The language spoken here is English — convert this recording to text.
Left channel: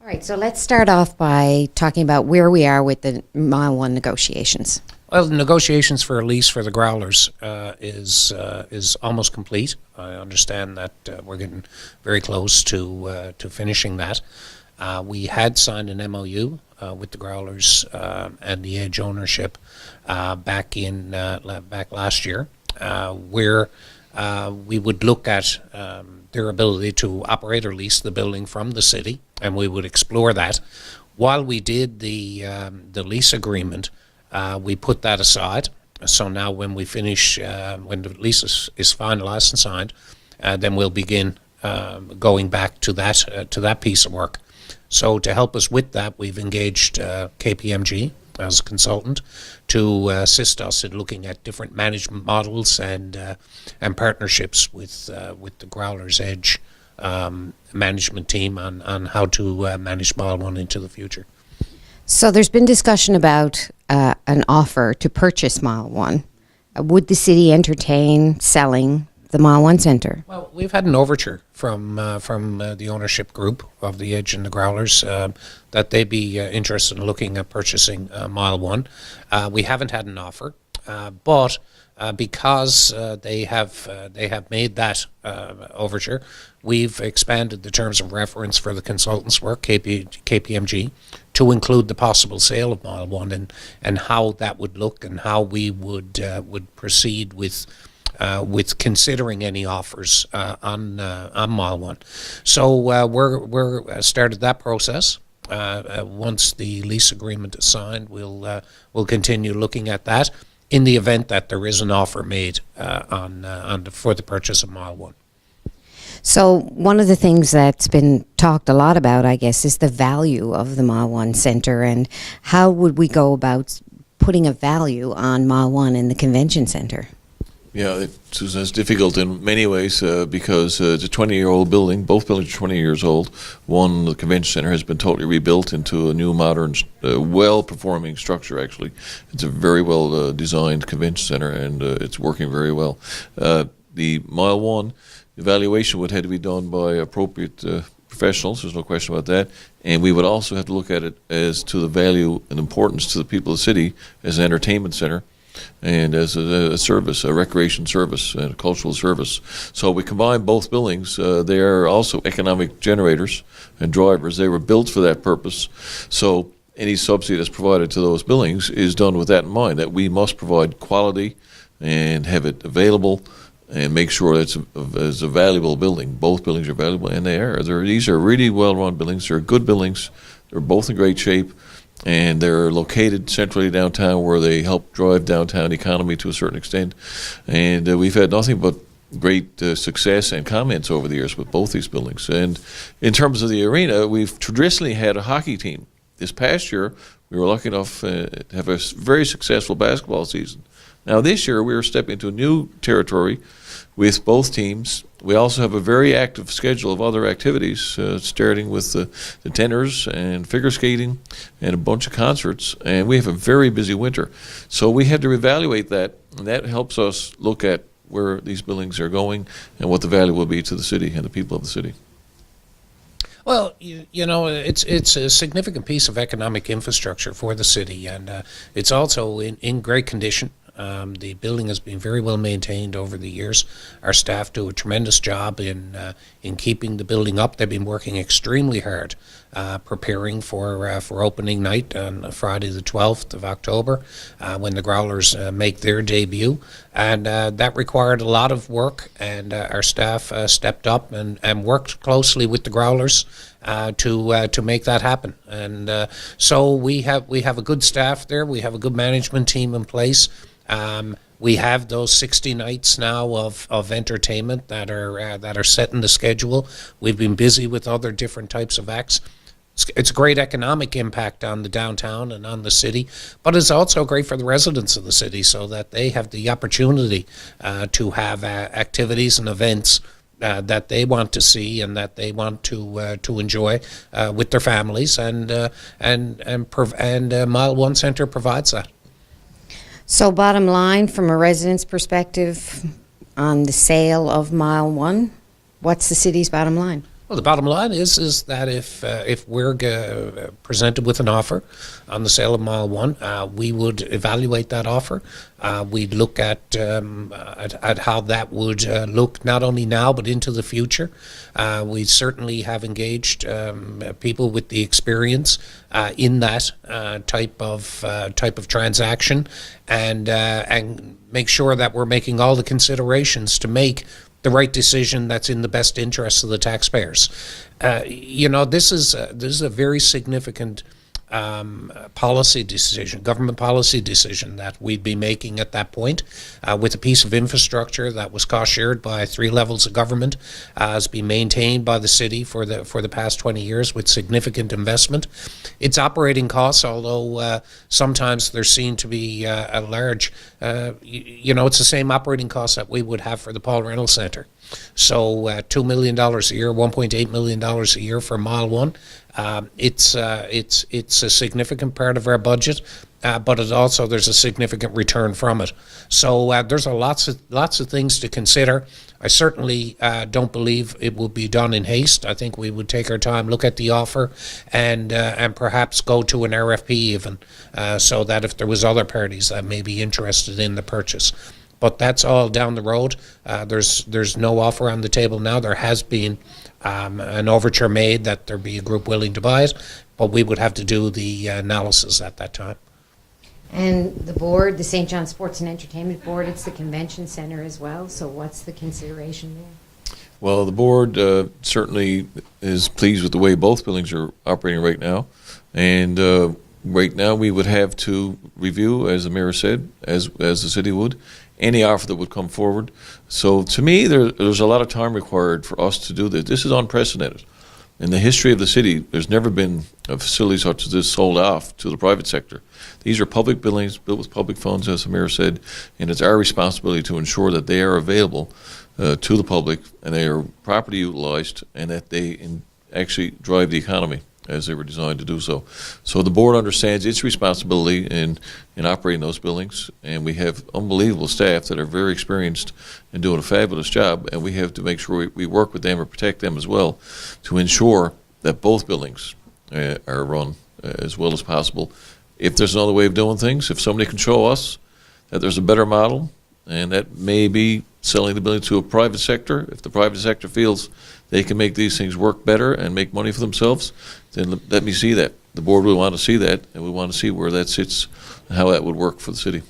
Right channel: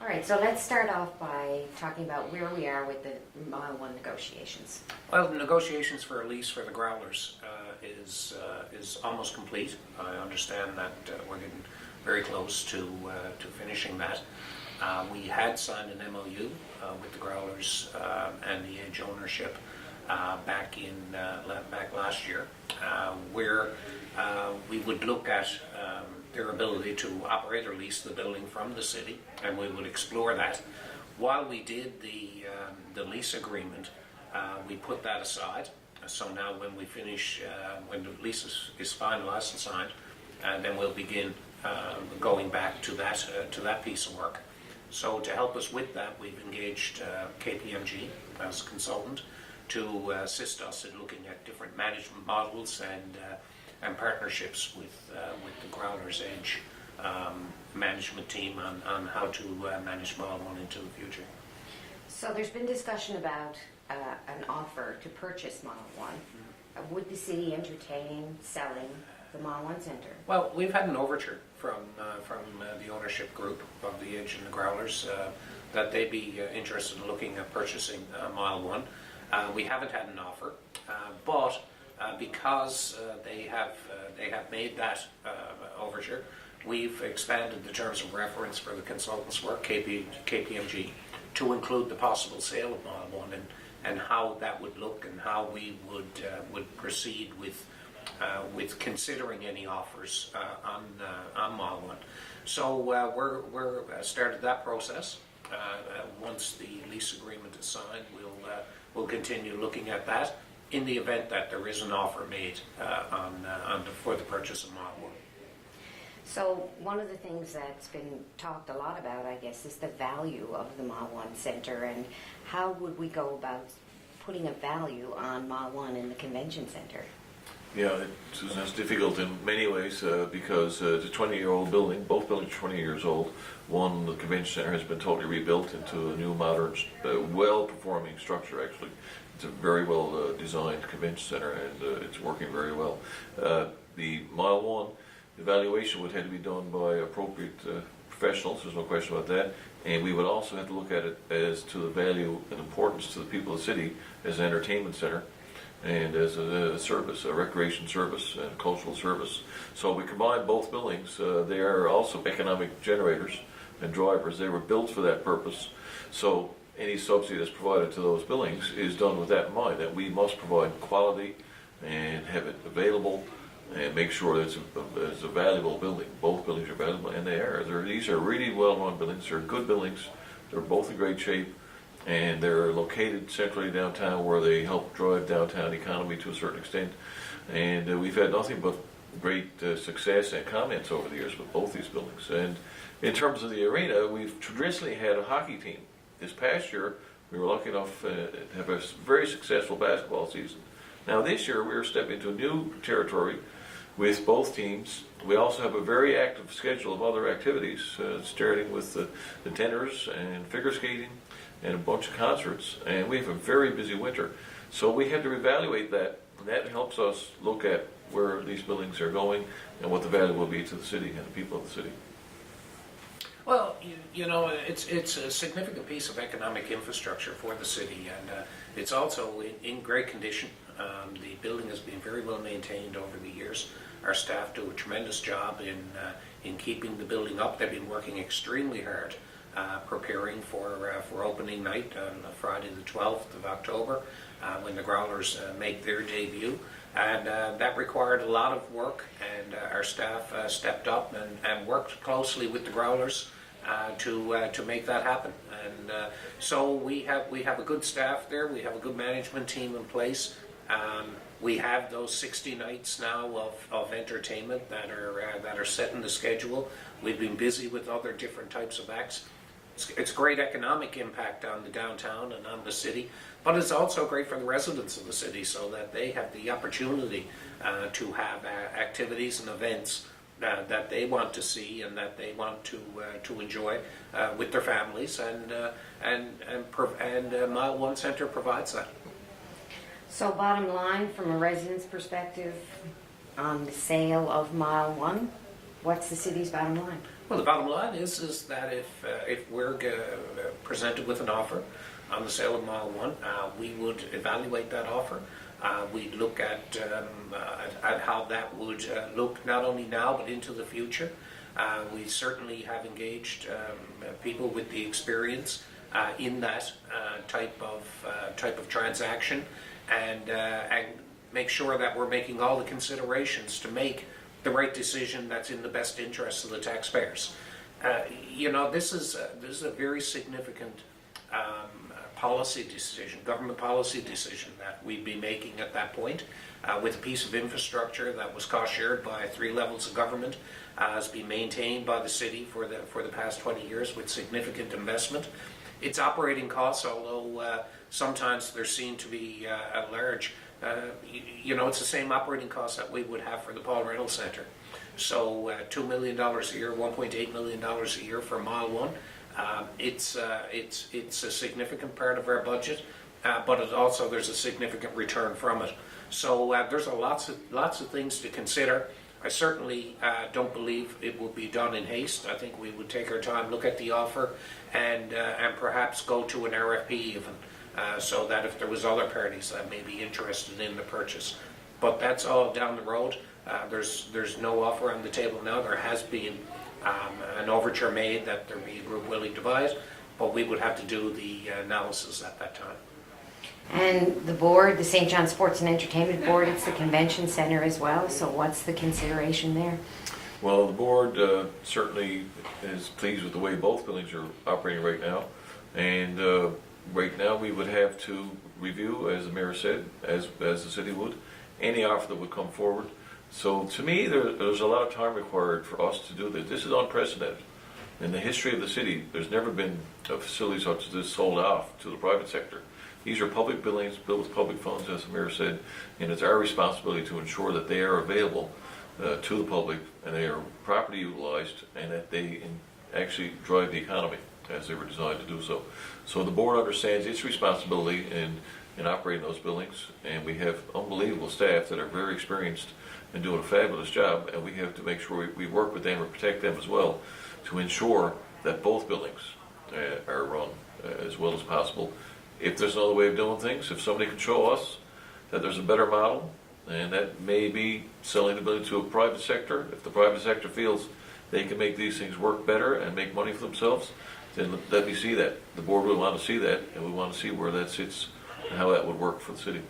All right, so let's start off by talking about where we are with the Mile 1 negotiations. Well, the negotiations for a lease for the Growlers is almost complete. I understand that we're getting very close to finishing that. We had signed an MOU with the Growlers and the Edge ownership back last year, where we would look at their ability to operate or lease the building from the city, and we would explore that. While we did the lease agreement, we put that aside. So now when we finish, when the lease is finalized and signed, then we'll begin going back to that piece of work. So to help us with that, we've engaged KPMG as a consultant to assist us in looking at different management models and partnerships with the Growlers Edge management team on how to manage Mile 1 into the future. So there's been discussion about an offer to purchase Mile 1. Would the city entertain selling the Mile 1 Centre? Well, we've had an overture from the ownership group of the Edge and the Growlers that they'd be interested in looking at purchasing Mile 1. We haven't had an offer, but because they have made that overture, we've expanded the terms of reference for the consultants' work, KPMG, to include the possible sale of Mile 1 and how that would look and how we would proceed with considering any offers on Mile 1. So we're started that process. Once the lease agreement is signed, we'll continue looking at that in the event that there is an offer made for the purchase of Mile 1. So one of the things that's been talked a lot about, I guess, is the value of the Mile 1 Centre, and how would we go about putting a value on Mile 1 in the convention centre? Yeah, Susan, it's difficult in many ways because it's a 20-year-old building. Both buildings are 20 years old. One, the convention center, has been totally rebuilt into a new, modern, well-performing structure, actually. It's a very well-designed convention center, and it's working very well. The Mile 1 evaluation would have to be done by appropriate professionals. There's no question about that. And we would also have to look at it as to the value and importance to the people of the city as an entertainment center and as a service, a recreation service and a cultural service. So we combine both buildings. They are also economic generators and drivers. They were built for that purpose. So any subsidy that's provided to those buildings is done with that in mind, that we must provide quality and have it available and make sure that it's a valuable building. Both buildings are valuable, and they are. These are really well-run buildings. They're good buildings. They're both in great shape. And they're located centrally downtown, where they help drive downtown economy to a certain extent. And we've had nothing but great success and comments over the years with both these buildings. And in terms of the arena, we've traditionally had a hockey team. This past year, we were lucky enough to have a very successful basketball season. Now this year, we are stepping into new territory with both teams. We also have a very active schedule of other activities, starting with the tenors and figure skating and a bunch of concerts, and we have a very busy winter. So we had to evaluate that, and that helps us look at where these buildings are going and what the value will be to the city and the people of the city. Well, you know, it's a significant piece of economic infrastructure for the city, and it's also in great condition. The building has been very well maintained over the years. Our staff do a tremendous job in keeping the building up. They've been working extremely hard, preparing for opening night on Friday the 12th of October, when the Growlers make their debut. And that required a lot of work, and our staff stepped up and worked closely with the Growlers to make that happen. And so we have a good staff there. We have a good management team in place. We have those 60 nights now of entertainment that are set in the schedule. We've been busy with other different types of acts. It's a great economic impact on the downtown and on the city, but it's also great for the residents of the city, so that they have the opportunity to have activities and events that they want to see and that they want to enjoy with their families, and Mile 1 Centre provides that. So bottom line, from a resident's perspective on the sale of Mile 1, what's the city's bottom line? Well, the bottom line is that if we're presented with an offer on the sale of Mile 1, we would evaluate that offer. We'd look at how that would look not only now but into the future. We certainly have engaged people with the experience in that type of transaction, and make sure that we're making all the considerations to make the right decision that's in the best interest of the taxpayers. This is a very significant policy decision, government policy decision that we'd be making at that point, with a piece of infrastructure that was cost shared by 3 levels of government, has been maintained by the city for the past 20 years with significant investment. Its operating costs, although sometimes they're seen to be a large, it's the same operating costs that we would have for the Paul Reynolds Centre. So $2 million a year, $1.8 million a year for Mile 1. It's a significant part of our budget, but there's a significant return from it. So there's lots of things to consider. I certainly don't believe it will be done in haste. I think we would take our time, look at the offer, and perhaps go to an RFP even, so that if there was other parties that may be interested in the purchase. But that's all down the road. There's no offer on the table now. There has been an overture made that there be a group willing to buy it, but we would have to do the analysis at that time. And the board, the St. John Sports and Entertainment Board, it's the convention center as well, so what's the consideration there? Well, the board certainly is pleased with the way both buildings are operating right now. And right now we would have to review, as the mayor said, as the city would, any offer that would come forward. So to me, there's a lot of time required for us to do this. This is unprecedented. In the history of the city, there's never been a facility such as this sold off to the private sector. These are public buildings built with public funds, as the mayor said, and it's our responsibility to ensure that they are available to the public and they are properly utilized and that they actually drive the economy as they were designed to do so. So the board understands its responsibility in operating those buildings, and we have unbelievable staff that are very experienced and doing a fabulous job, and we have to make sure we work with them and protect them as well to ensure that both buildings are run as well as possible. If there's another way of doing things, if somebody can show us that there's a better model, and that may be selling the building to a private sector, if the private sector feels they can make these things work better and make money for themselves, then let me see that. The board will want to see that, and we want to see where that sits and how that would work for the city.